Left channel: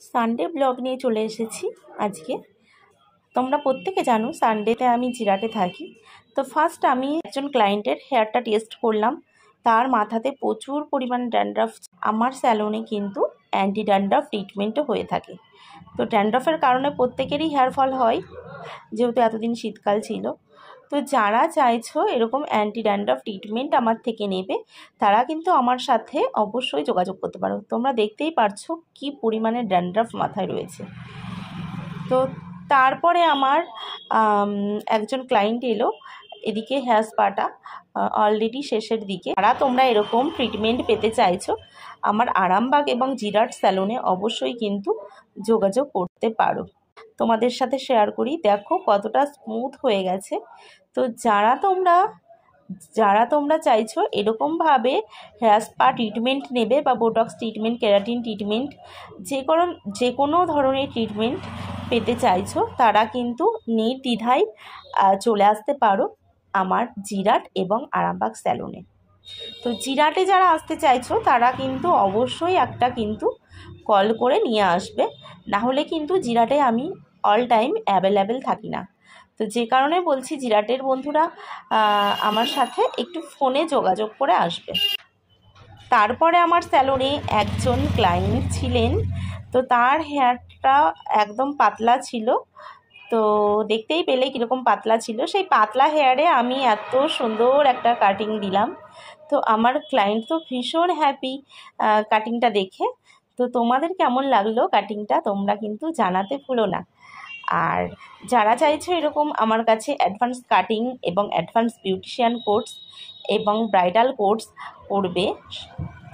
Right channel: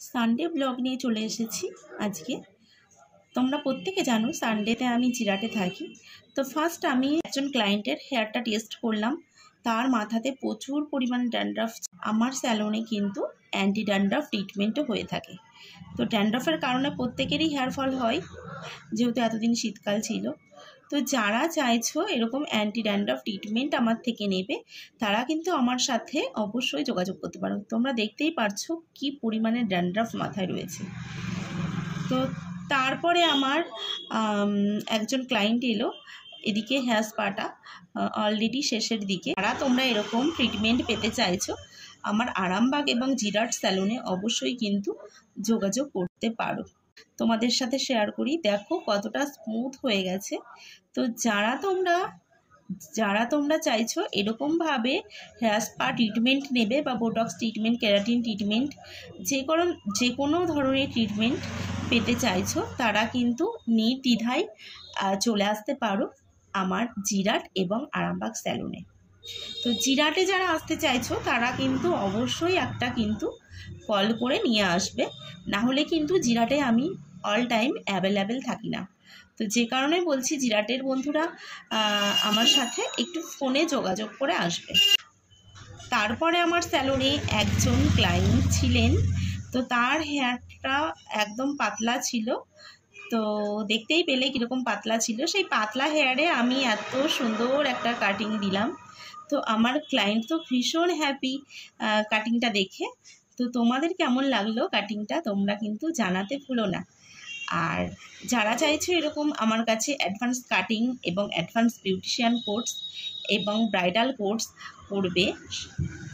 Sunday blog নিয়ে চলে এসেছি আজকে। তোমরা প্রত্যেকে জানো সানডেতে আমি জিরাটে থাকি। তো ফার্স্ট আমি একজন ক্লায়েন্টের হেয়ারটা টেস্ট করলাম। তার মাথাতে প্রচুর পরিমাণ ড্যান্ড্রাফ। আমার স্যালনে কিন্তু অ্যান্টি ড্যান্ড্রাফ ট্রিটমেন্টও হয়ে থাকে। তো ড্যান্ড্রাফের কারণে প্রত্যেকেরই হেয়ার ফল হয়, যেহেতু এতদিন শীতকাল ছিল। তো যারা চাইছো এরকম অ্যান্টি ড্যান্ড্রাফ ট্রিটমেন্ট আমার থেকে নেবে, তারা কিন্তু আমার সাথে অবশ্যই যোগাযোগ করতে পারো। তোমরা দেখতেই পারছো কি পরিমাণে ড্যান্ড্রাফ মাথায় রয়েছে। তো তারপরে আমার একজন ক্লায়েন্ট এলো। এদিকে হেয়ার স্পাটা অলরেডি শেষের দিকে। যারা তোমরা এরকম ট্রিটমেন্ট পেতে চাইছো, আমার আরামবাগ এবং জিরাট স্যালনে অবশ্যই কিন্তু যোগাযোগ করতে পারো। তোমাদের সাথে শেয়ার করি, দেখো কতটা স্মুথ হয়ে গেছে। তো যারা তোমরা চাইছো এরকমভাবে হেয়ার স্পা ট্রিটমেন্ট নেবে বা বোটক্স ট্রিটমেন্ট, কেরাটিন ট্রিটমেন্ট, যে কোনো ধরনের ট্রিটমেন্ট পেতে চাইছো, তারা কিন্তু নির্দ্বিধায় চলে আসতে পারো আমার জিরাট এবং আরামবাগ স্যালনে। তো জিরাটে যারা আসতে চাইছো তারা কিন্তু অবশ্যই একটা কিন্তু কল করে নিয়ে আসবে, না হলে কিন্তু জিরাটে আমি অল টাইম অ্যাভেলেবেল থাকি না। তো যে কারণে বলছি, জিরাটের বন্ধুরা আমার সাথে একটু ফোনে যোগাযোগ করে আসবে। তারপরে আমার স্যালনে একজন ক্লায়েন্ট ছিলেন। তো তার হেয়ারটা একদম পাতলা ছিল। তো দেখতেই পেলে কীরকম পাতলা ছিল। সেই পাতলা হেয়ারে আমি এত সুন্দর একটা কাটিং দিলাম। তো আমার ক্লায়েন্ট তো ভীষণ হ্যাপি কাটিংটা দেখে। তো তোমাদের কেমন লাগলো কাটিংটা তোমরা কিন্তু জানাতে ভুলো না। আর যারা চাইছো এরকম আমার কাছে অ্যাডভান্স কাটিং এবং অ্যাডভান্স বিউটিশিয়ান কোর্স এবং ব্রাইডাল কোর্স করবে,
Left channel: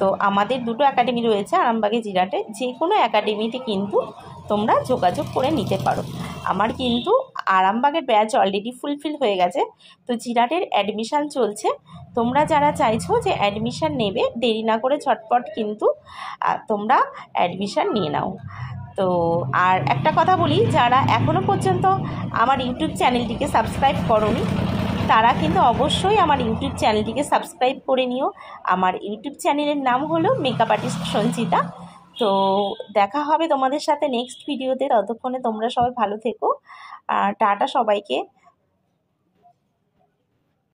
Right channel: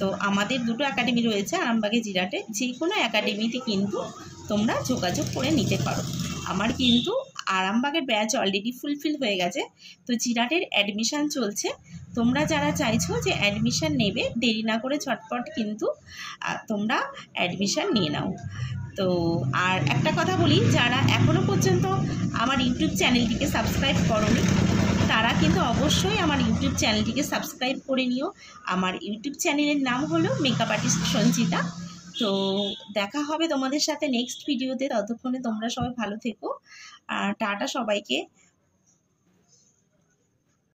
তো আমাদের দুটো একাডেমি রয়েছে আরামবাগে জিরাটে। যে কোনো একাডেমিতে কিন্তু তোমরা যোগাযোগ করে নিতে পারো। আমার কিন্তু আরামবাগের ব্যাচ অলরেডি ফুলফিল হয়ে গেছে। তো জিরাটের অ্যাডমিশান চলছে। তোমরা যারা চাইছো যে অ্যাডমিশান নেবে, দেরি না করে ঝটপট কিন্তু তোমরা অ্যাডমিশান নিয়ে নাও। তো আর একটা কথা বলি, যারা এখনও পর্যন্ত আমার ইউটিউব চ্যানেলটিকে সাবস্ক্রাইব করোনি, তারা কিন্তু অবশ্যই আমার ইউটিউব চ্যানেলটিকে সাবস্ক্রাইব করে নিও। আমার ইউটিউব চ্যানেলের নাম হলো মেকআপ আর্টিস্ট সঞ্চিতা। তো দেখা হবে তোমাদের সাথে নেক্সট ভিডিওতে। ততক্ষণে তোমরা সবাই ভালো থেকো। টাটা সবাইকে।